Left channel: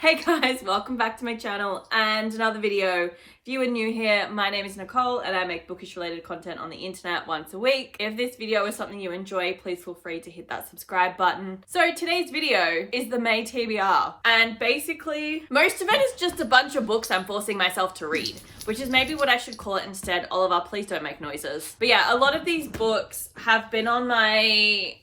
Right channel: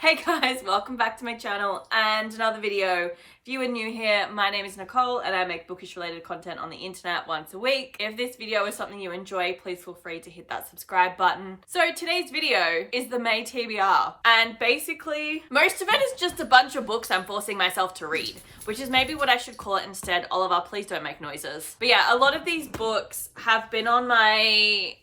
Hey guys, welcome back to my channel and another video. If you are new here, my name is Nicole and I make bookish related content on the internet once a week. If this video is something you enjoy, please feel free to hit that subscribe button. So today's video is the May TBR, and basically most of it is just a bunch of books I'm forcing myself to read, which is maybe what I should call it instead. Oliver, please don't make noises. But yeah, a lot of these books have been on my,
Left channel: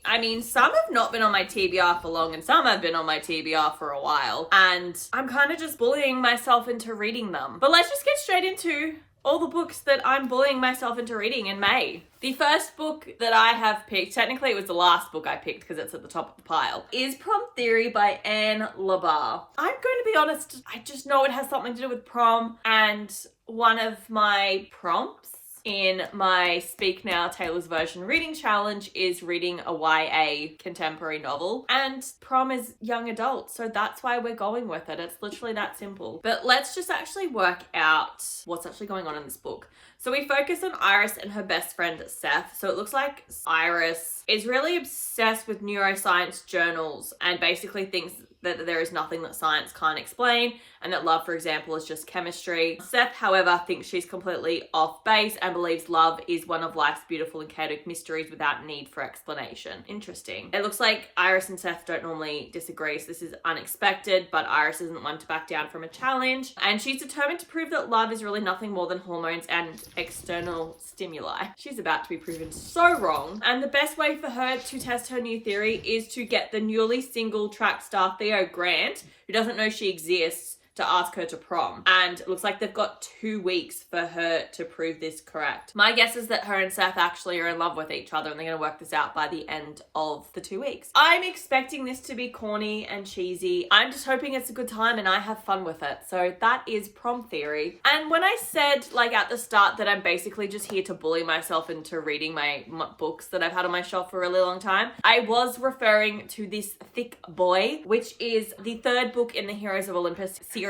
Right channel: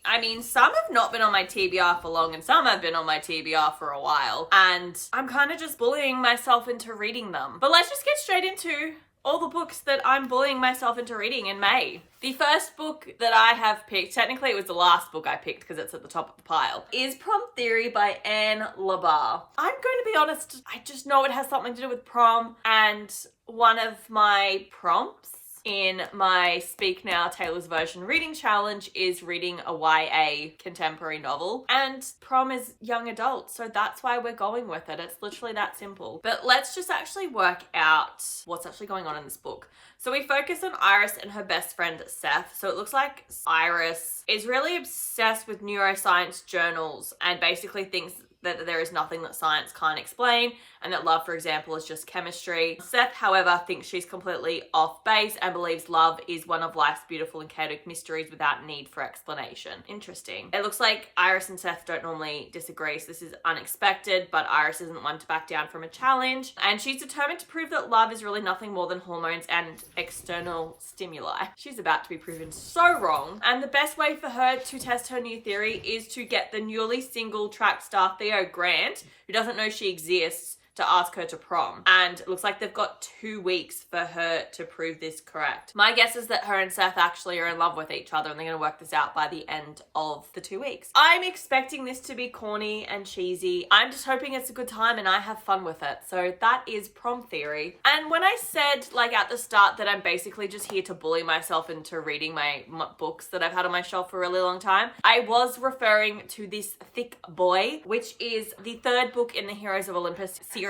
some have not been on my TBR for long and some have been on my TBR for a while. And I'm kind of just bullying myself into reading them. But let's just get straight into all the books that I'm bullying myself into reading in May. The first book that I have picked, technically it was the last book I picked because it's at the top of the pile, is Promt Theory by Anne Labar. I'm going to be honest, I just know it has something to do with prom, and one of my prompts in my Speak Now Taylor's Version reading challenge is reading a YA contemporary novel, and prom is young adult, so that's why we're going with it. It's literally that simple. But let's just actually work out what's actually going on in this book. So we focus on Iris and her best friend Seth. So it looks like Iris is really obsessed with neuroscience journals and basically thinks that there is nothing that science can't explain, and that love, for example, is just chemistry. Seth, however, thinks she's completely off base and believes love is one of life's beautiful and chaotic mysteries without need for explanation. Interesting. It looks like Iris and Seth don't normally disagree, so this is unexpected, but Iris isn't one to back down from a challenge, and she's determined to prove that love is really nothing more than hormones and external stimuli. She's about to be proven so wrong, and the best way for her to test her new theory is to get the newly single track star Theo Grant, who doesn't know she exists, to ask her to prom. And it looks like they've got 2 weeks for her to prove this correct. My guess is that her and Seth actually are in love with each other and they're going to work this out by the end of the 2 weeks. I'm expecting this to be corny and cheesy. I'm just hoping it's a good time and I have fun with it. So that is Promt Theory. And when I said at the start that I'm basically just here to bully myself into reading my books that I've had on my shelf for a really long time, I was referring to this thick boy, which is the 3rd book in the Heroes of Olympus series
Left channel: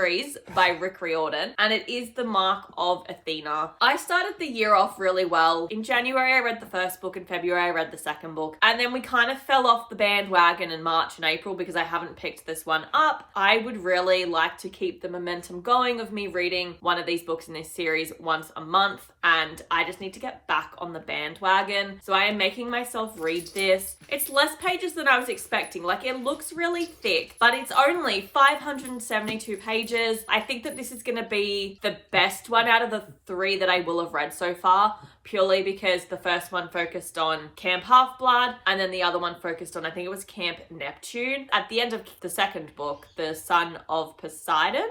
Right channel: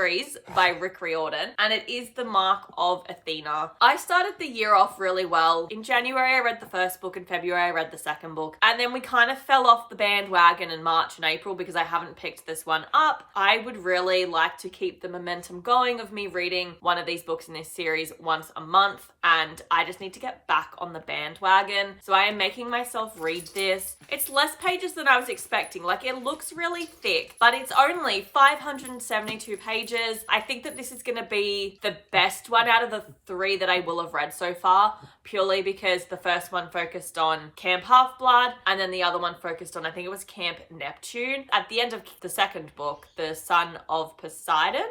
by Rick Riordan, and it is the Mark of Athena. I started the year off really well. In January, I read the first book. In February, I read the second book. And then we kind of fell off the bandwagon in March and April because I haven't picked this one up. I would really like to keep the momentum going of me reading one of these books in this series once a month, and I just need to get back on the bandwagon. So I am making myself read this. It's less pages than I was expecting. It looks really thick, but it's only 572 pages. I think that this is going to be the best one out of the 3 that I will have read so far, purely because the first one focused on Camp Half-Blood, and then the other one focused on, I think it was Camp Neptune. At the end of the second book, the Son of Poseidon?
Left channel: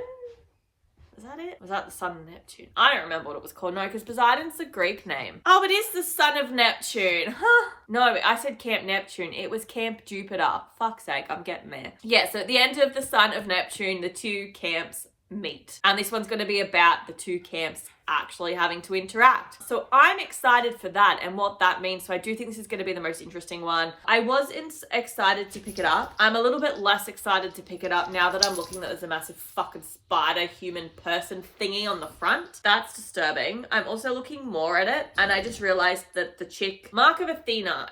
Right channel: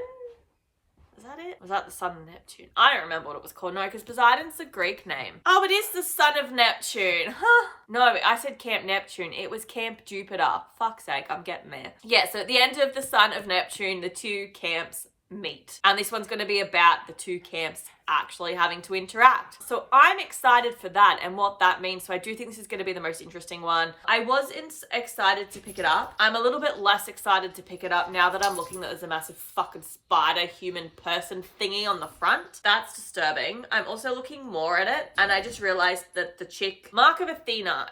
Was that it? Was that the Son of Neptune? I don't remember what it was called. No, because Poseidon's the Greek name. Oh, it is the Son of Neptune. Huh? No, I said Camp Neptune. It was Camp Jupiter. Fuck's sake, I'm getting there. Yeah, so at the end of the Son of Neptune, the 2 camps meet. And this one's going to be about the 2 camps actually having to interact. So I'm excited for that and what that means. So I do think this is going to be the most interesting one. I was excited to pick it up. I'm a little bit less excited to pick it up now that I'm looking that there's a massive fucking spider human person thingy on the front. That's disturbing. I'm also looking more at it and I just realized that the chick, Mark of Athena,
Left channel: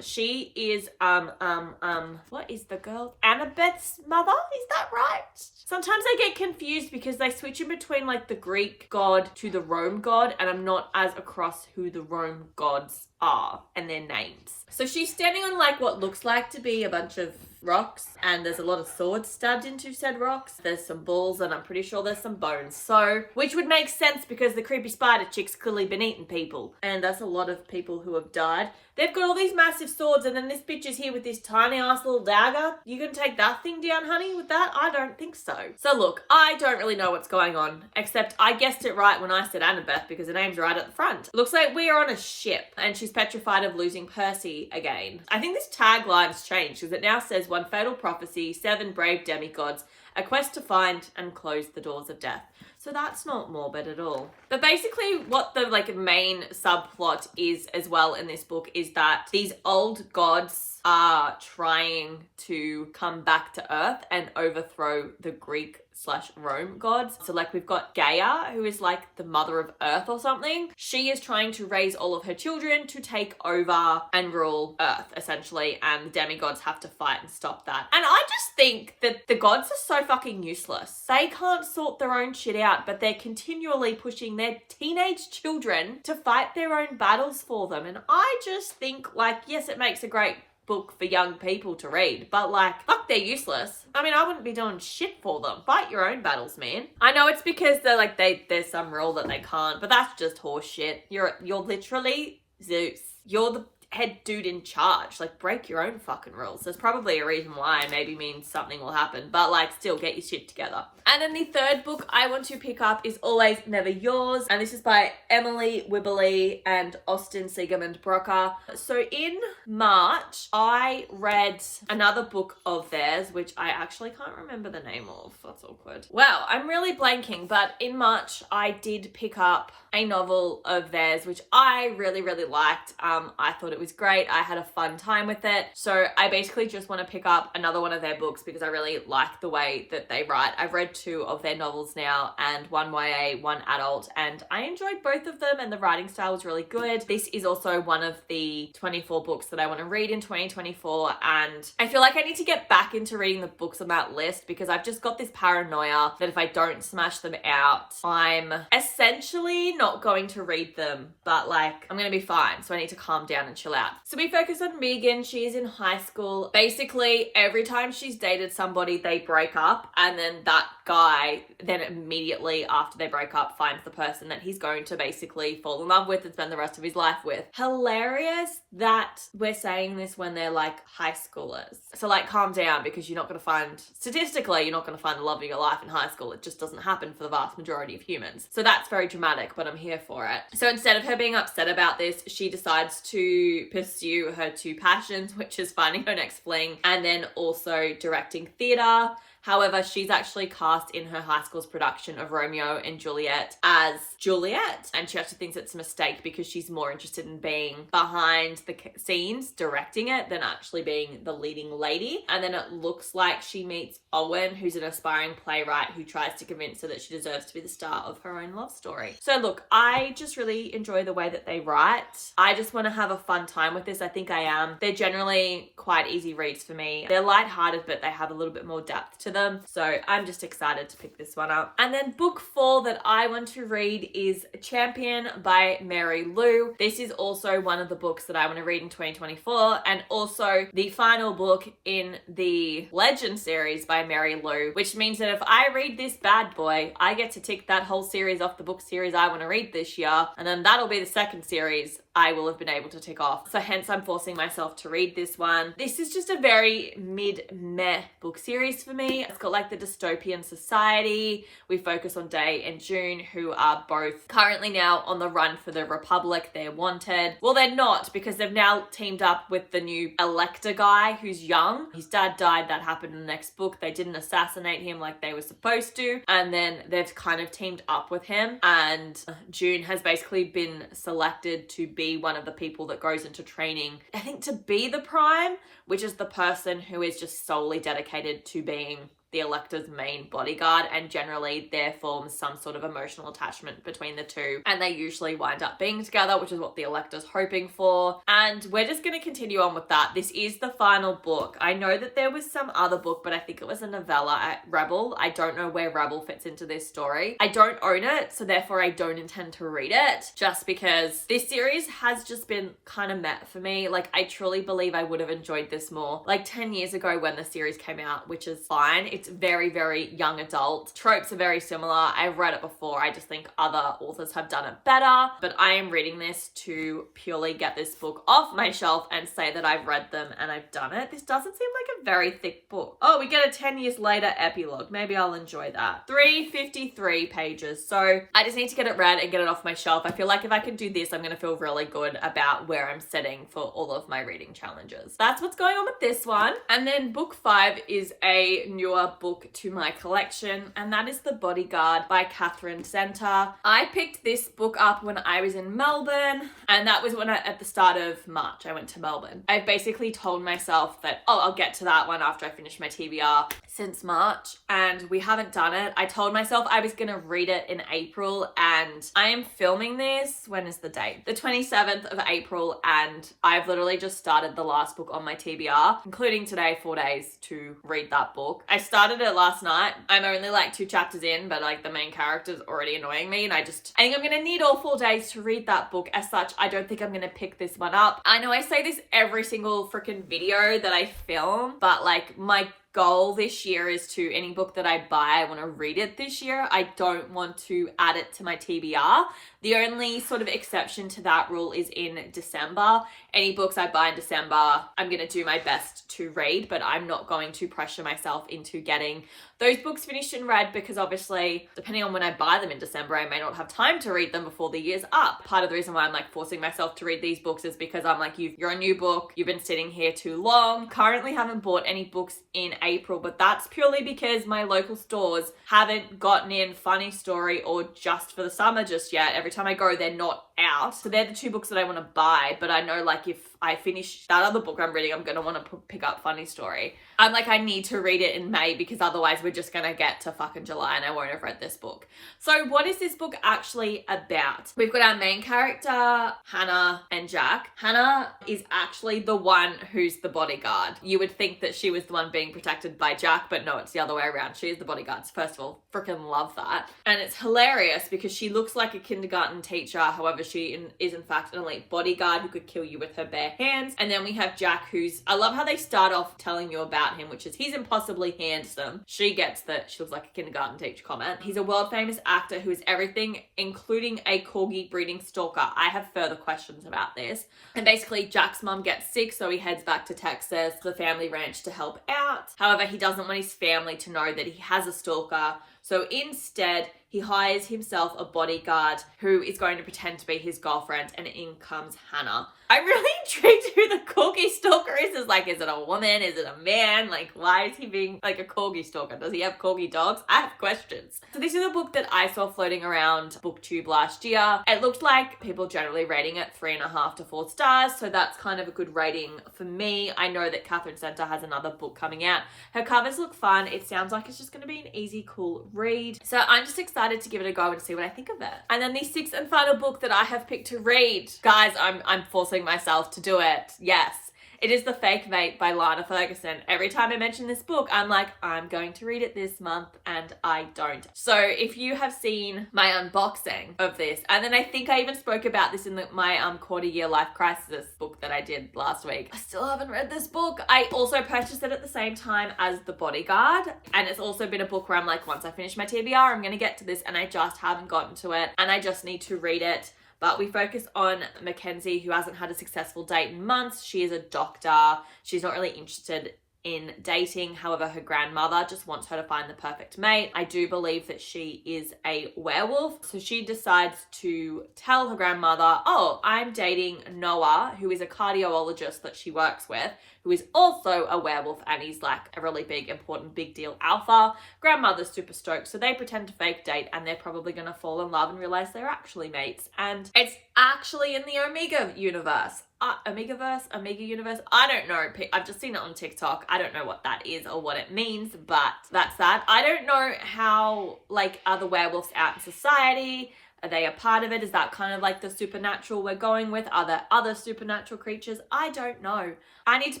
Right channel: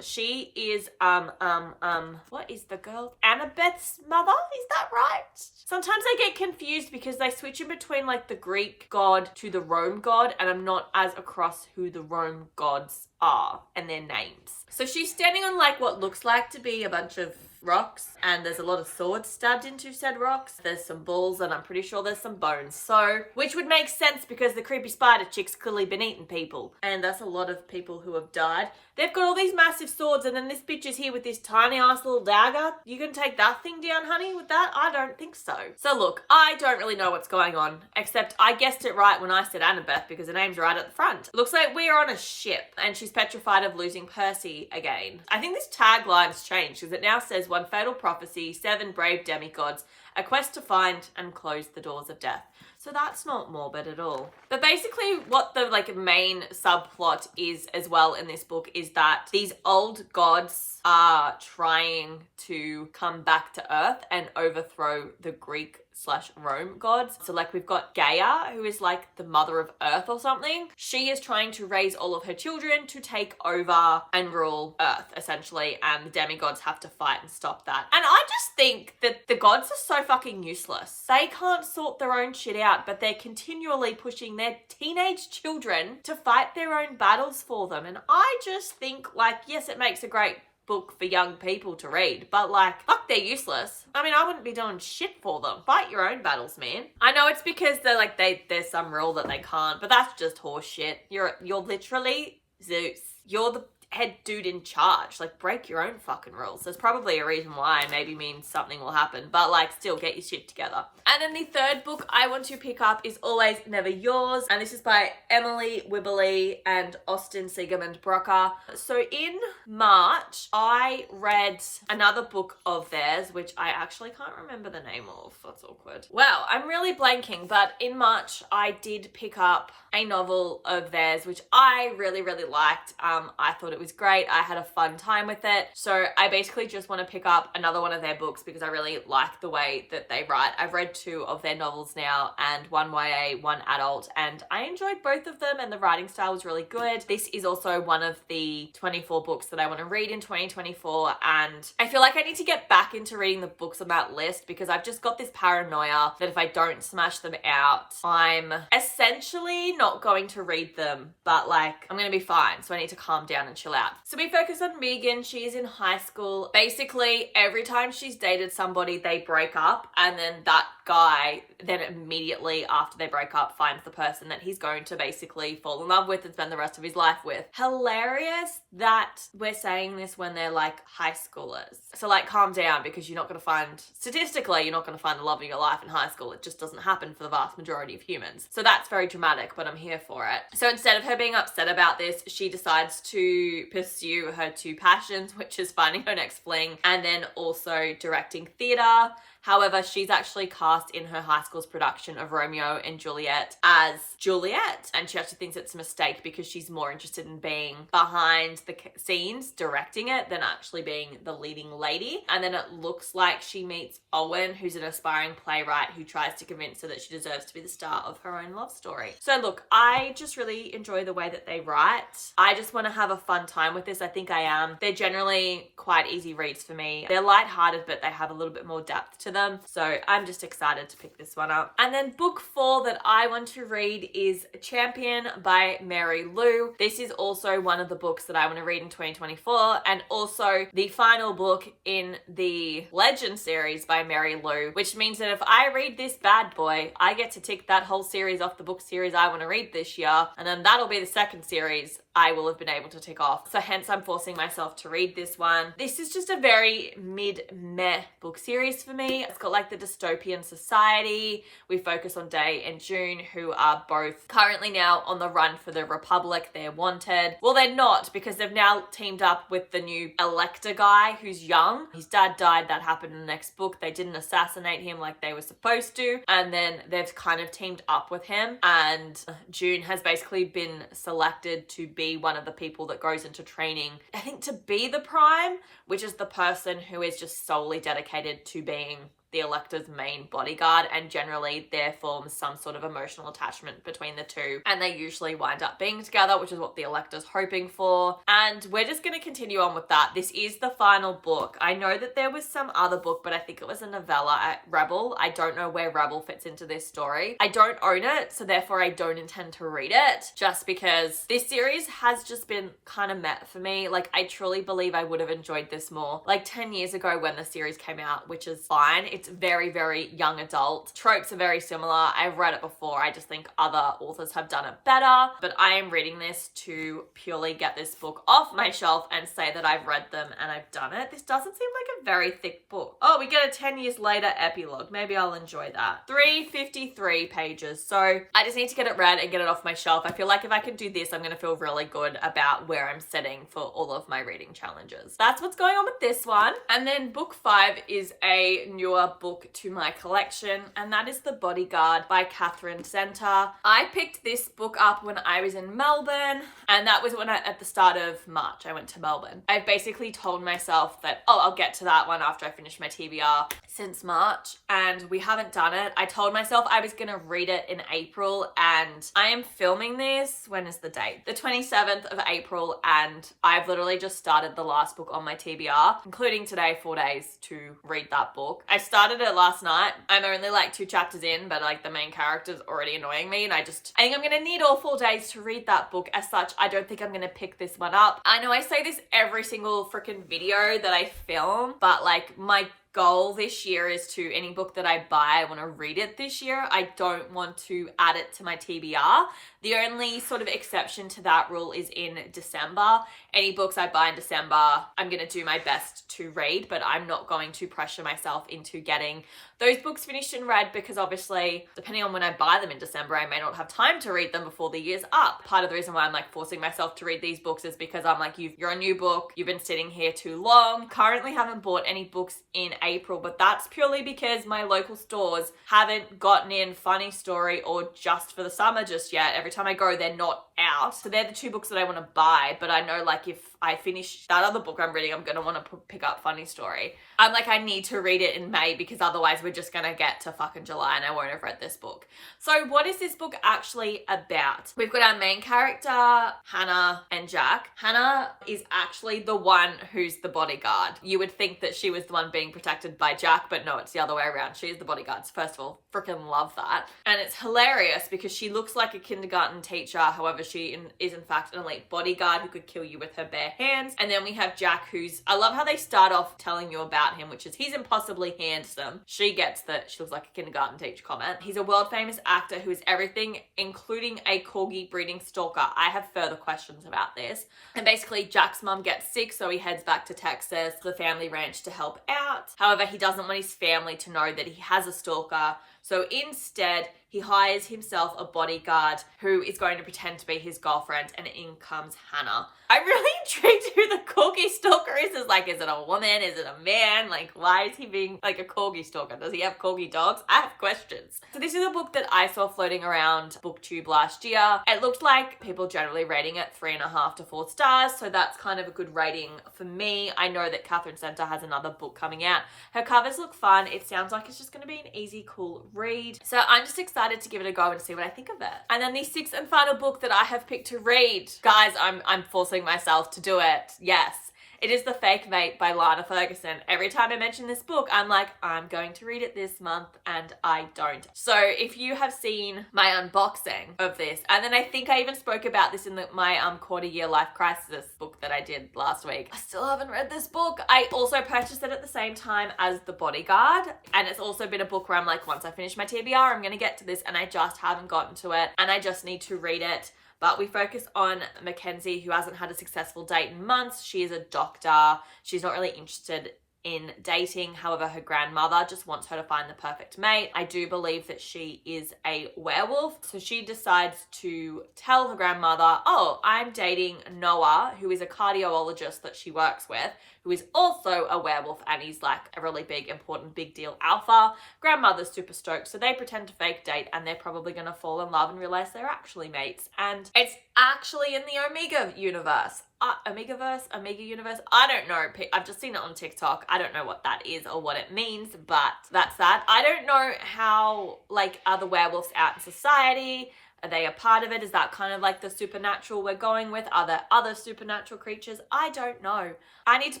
she is, what is the girl? Annabeth's mother? Is that right? Sometimes I get confused because they switch in between the Greek god to the Rome god, and I'm not as across who the Rome gods are and their names. So she's standing on what looks like to be a bunch of rocks, and there's a lot of swords stabbed into said rocks. There's some bulls, and I'm pretty sure there's some bones. So, which would make sense because the creepy spider chick's clearly been eating people, and that's a lot of people who have died. They've got all these massive swords, and then this bitch is here with this tiny ass little dagger. You can take that thing down, honey, with that? I don't think so. So look, I don't really know what's going on, except I guessed it right when I said Annabeth because the name's right at the front. Looks like we are on a ship, and she's petrified of losing Percy again. I think this tagline's changed because it now says 1 fatal prophecy, 7 brave demigods, a quest to find and close the doors of death. So that's not morbid at all. But basically what the main subplot is as well in this book is that these old gods are trying to come back to Earth and overthrow the Greek/Rome gods. So like we've got Gaia, who is like the mother of Earth or something. She is trying to raise all of her children to take over and rule Earth, essentially, and the demigods have to fight and stop that. And I just think that the gods are so fucking useless. They can't sort their own shit out, but they're continually pushing their teenage children to fight their own battles for them. And I just think, like, yes, it makes a great book for young people to read, but like, fuck, they're useless. I mean, I wouldn't be doing shit for them. Fight your own battles, man. I know it's because they're like, there's some rule that they can't, but that's just horse shit. You're literally Zeus. You're the head dude in charge. Like, break your own fucking rules. There's probably a reason why. Maybe means something will happen, but like, still get your shit together. And then the third book I want to pick up is Always Never Yours, and this is by Emily Wibberley and Austin Siegemund-Broka. So in March, I read another book of theirs, which I actually can't remember the name of. That's awkward. Wow, I'm really blanking, but in March, I did pick up a novel of theirs, which I really, really liked. I thought it was great. I had a fun time with it. So I basically just want to pick up another one of their books because I really like the way that they write. I've read 2 of their novels now, and one YA, one adult, and I enjoyed both of them, and the writing style was really good. This is also one of the 24 books that I want to read in 2024, and I feel like I need to get back into reading the books on that list because I've just got this paranoia that if I don't smash them out, I'm essentially not going to read them, but like, I'm gonna be fine. So I need to calm down and chill out. So we focus on Megan. She's in high school. Basically, every time she's dated somebody, they break up, and then that guy then immediately after they break up finds the person that he's going to basically fall in love with and spend the rest of his life with. Hilarious that we're saying this when they're like high schoolers. So like, calm down, because you're not going to find, statistically, you're not going to find the love of your life in high school. It just doesn't happen for the vast majority of humans. So that's very dramatic, but I'm here for it. So instead of her being upset about this, she decides to pursue her 2 passions, which is finding her next fling and then also directing theatre. However, she's actually cast in her high school's production of Romeo and Juliet as Juliet, and she actually thinks it's a mistake because she's more interested in being behind the scenes directing it than actually being the leading lady. And then it looks like she meets Owen, who's an aspiring playwright who tries to convince her that she deserves to be the star of her own love story. So look, I just really enjoy the way that they write. I just want to have a fun time with this. I think I am. They're generally quite easy reads for me. They're lighthearted, but they have a little bit more depth to them. So I'm just excited to pick this one up. And then book 4 that I want to read is Champion by Mary Lou. This is also one of the books that I want to read in 2024, and also the final book in the Legend series by Mary Lou, which means that if I read this bad boy, I get to tick that whole series off the book series I want to read this year, and then that'll be the second series I will have been able to tick off. So hence I'm forcing myself to read this one. This is just a very meh book series for me. It's got like the dystopian society. We focus on Day and June, who are both currently now on the run for the Republic. They're wanted. Well, they're not, because they've now teamed up with the new Elector guy who's young. His dad died. That happened in the next book. They didn't assassinate him like they were supposed to. And then they've kind of teamed up with him. And June has basically been selected to be one of the people that goes into training, I think, to be the Prime, which is the person who is just solely dedicated to being the Elector's main bodyguard, and generally there forms some sort of emotional attachment between the two, and they usually wind up being together, which is what the Elector's hoping for. And we're just going to continue on with that. This is the final book. I know that there was some other book, but I think it was a novella at Rebel. I don't know where Rebel fits into this story. I don't own it, so therefore I don't intend to read it, just because this series has just been kind of meh for me. Like, I truly believe I would have enjoyed this more like 10 years ago when the series came out, which is fine. It's very, very young adult. Tropes are very similar. I've read it before. I just think other authors have done it better. But I am reading this to purely get this book off my shelf and say that I've read them and I've done it. This doesn't seem like a very thick book. Oh, we get a 10 years later epilogue. Maybe I'll enjoy that. 353 pages. So I just need to get it read and get it off my shelf. I feel like if I can do this, I'm going to feel really good about where I'm setting for all of my reading challenges. That's what's going on with this one. And then book 5 is a newer another book to my collection, and that is The Bodyguard by Catherine Center. I picked this book up when I was in Melbourne, and that was when at the start of March, I went to Melbourne. I basically told myself that, oh, I'll get to that one after I finish my TBR since March, and we haven't done it. I told myself I was going to read it in April, and I am filming this, when is the date? The 27th of April, and I've literally just started the last book on my TBR, including today, 4 days to read that book. I started it last night. I'm only like 2 chapters in, but like the main character's already annoying me, and I think I'm gonna need all 4 days to read that book. As such, I don't think I'm gonna pick this one up. I know I say this every single freaking video that I film, but like my goal this year is to, any book that I buy, I want to read it this year. I don't want to add it to my TBR. The only sort of exception to that rule is in December. Any books I buy in December, I'm going to do my best to read, but I'm not going to pressure myself into getting those books finished and read, because obviously, depending on when I buy them in December, I may not have time to read them before the year's up. Part of the reason why I'm like forcing myself to read these books is because I'm like, you're a new book, you've been sitting here too long. Currently haven't bought any books in April, but that's purely because my local stores haven't gotten in Funny Story or Just for the Summer just yet. Every time I go, they're not out. So they're the 2 books that I want to buy, but I know like if I finish that other book I'm reading, I'm going to want to pick up Funny Story. I'm like, I need to read it in May, because otherwise we're just going to get to fucking July and I won't have read this book. So what is this book actually about? We've got our main character, Hannah and Jack. Hannah is actually the one who's the bodyguard. You would think that she was the one being protected by Jack, but no, it's the other way around. She is the bodyguard. First of all, freaking love that. And it's hilarious because she looks like a kindergarten teacher. However, she is in fact an elite bodyguard who could kill you with her bare hands. And then we have Jack, who's, I love how they start off telling you about him, which is he's impossibly handsome. She gets that she looks like a kindergarten teacher comment. He's a world famous actor who is everything, including a corgi breeding stalker. I have further questions about this. And basically Jack's mum gets sick, so he heads back to Texas, the family ranch, to help out. However, he doesn't want his family to know that he has a stalker. So instead, he hires himself a bodyguard who is going to pretend to be his girlfriend, and in comes Hannah. I'm really intrigued who the corgi stalker is. Is it a woman? Is it a man? Like, why is he being like a corgi stalker? Does he have corgi dogs? I have questions. So this is a book that I saw floating around BookTube last year. It looked like people generally rating it 3.5 to 4 stars. So that's kind of a good rating for me. I know that Catherine Center has another book coming out. Her covers look fun. It sounds like it's just going to be an easy, cool read. So I'm just excited to give it a go and see what I think of it. And then the 6th and final book that I have picked to read. Guys, I'm forcing myself to do it. Yes. It is The Fake Mate by Lana Ferguson. Every time I mention this book, I'm like, I'm going to read it this month, and I don't. So if you have seen my unboxing of this, and then I think I even spoke about this in my quarter year life crisis book that I did last week. I still haven't read this book. I also purchased it at the same time as The Bodyguard, and it's also been a book where I'm like, once I finish my TBR, I'm going to get to this, and I just haven't gotten to it, and I just need to read it. But we focus on Mackenzie, who hasn't had a successful date in months. She is a doctor. She's not really interested in dating. However, her grandmother just wants her to find the perfect mate. I do believe that she is a werewolf. So she decides to tell her grandmother, oh, I'm dating Noah, who is a cardiologist that she works with, who is also a werewolf, and he's like a really big, important, big deal alpha. Grandmother's super stoked, so they pretend to fake date, and they're probably going to fall in love and realize they're actually mates. And it's actually in the Omega universe. Omega universe? I don't know. I've just seen it on TikTok. I don't know what that is or what it means, but that's that. I don't know how, like, are the werewolves out in society? Are they a part of it? Is that kind of like the supernatural we're going with? Are there other supernatural creatures? I don't know. I need to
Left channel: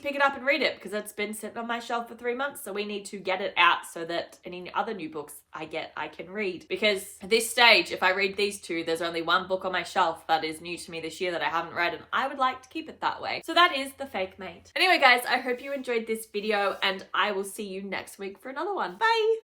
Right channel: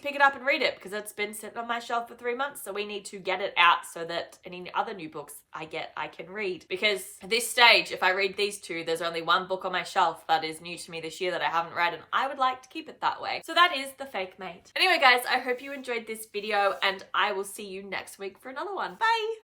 pick it up and read it because it's been sitting on my shelf for 3 months. So we need to get it out so that any other new books I can read. Because at this stage, if I read these 2, there's only 1 book on my shelf that is new to me this year that I haven't read, and I would like to keep it that way. So that is The Fake Mate. Anyway, guys, I hope you enjoyed this video, and I will see you next week for another one. Bye!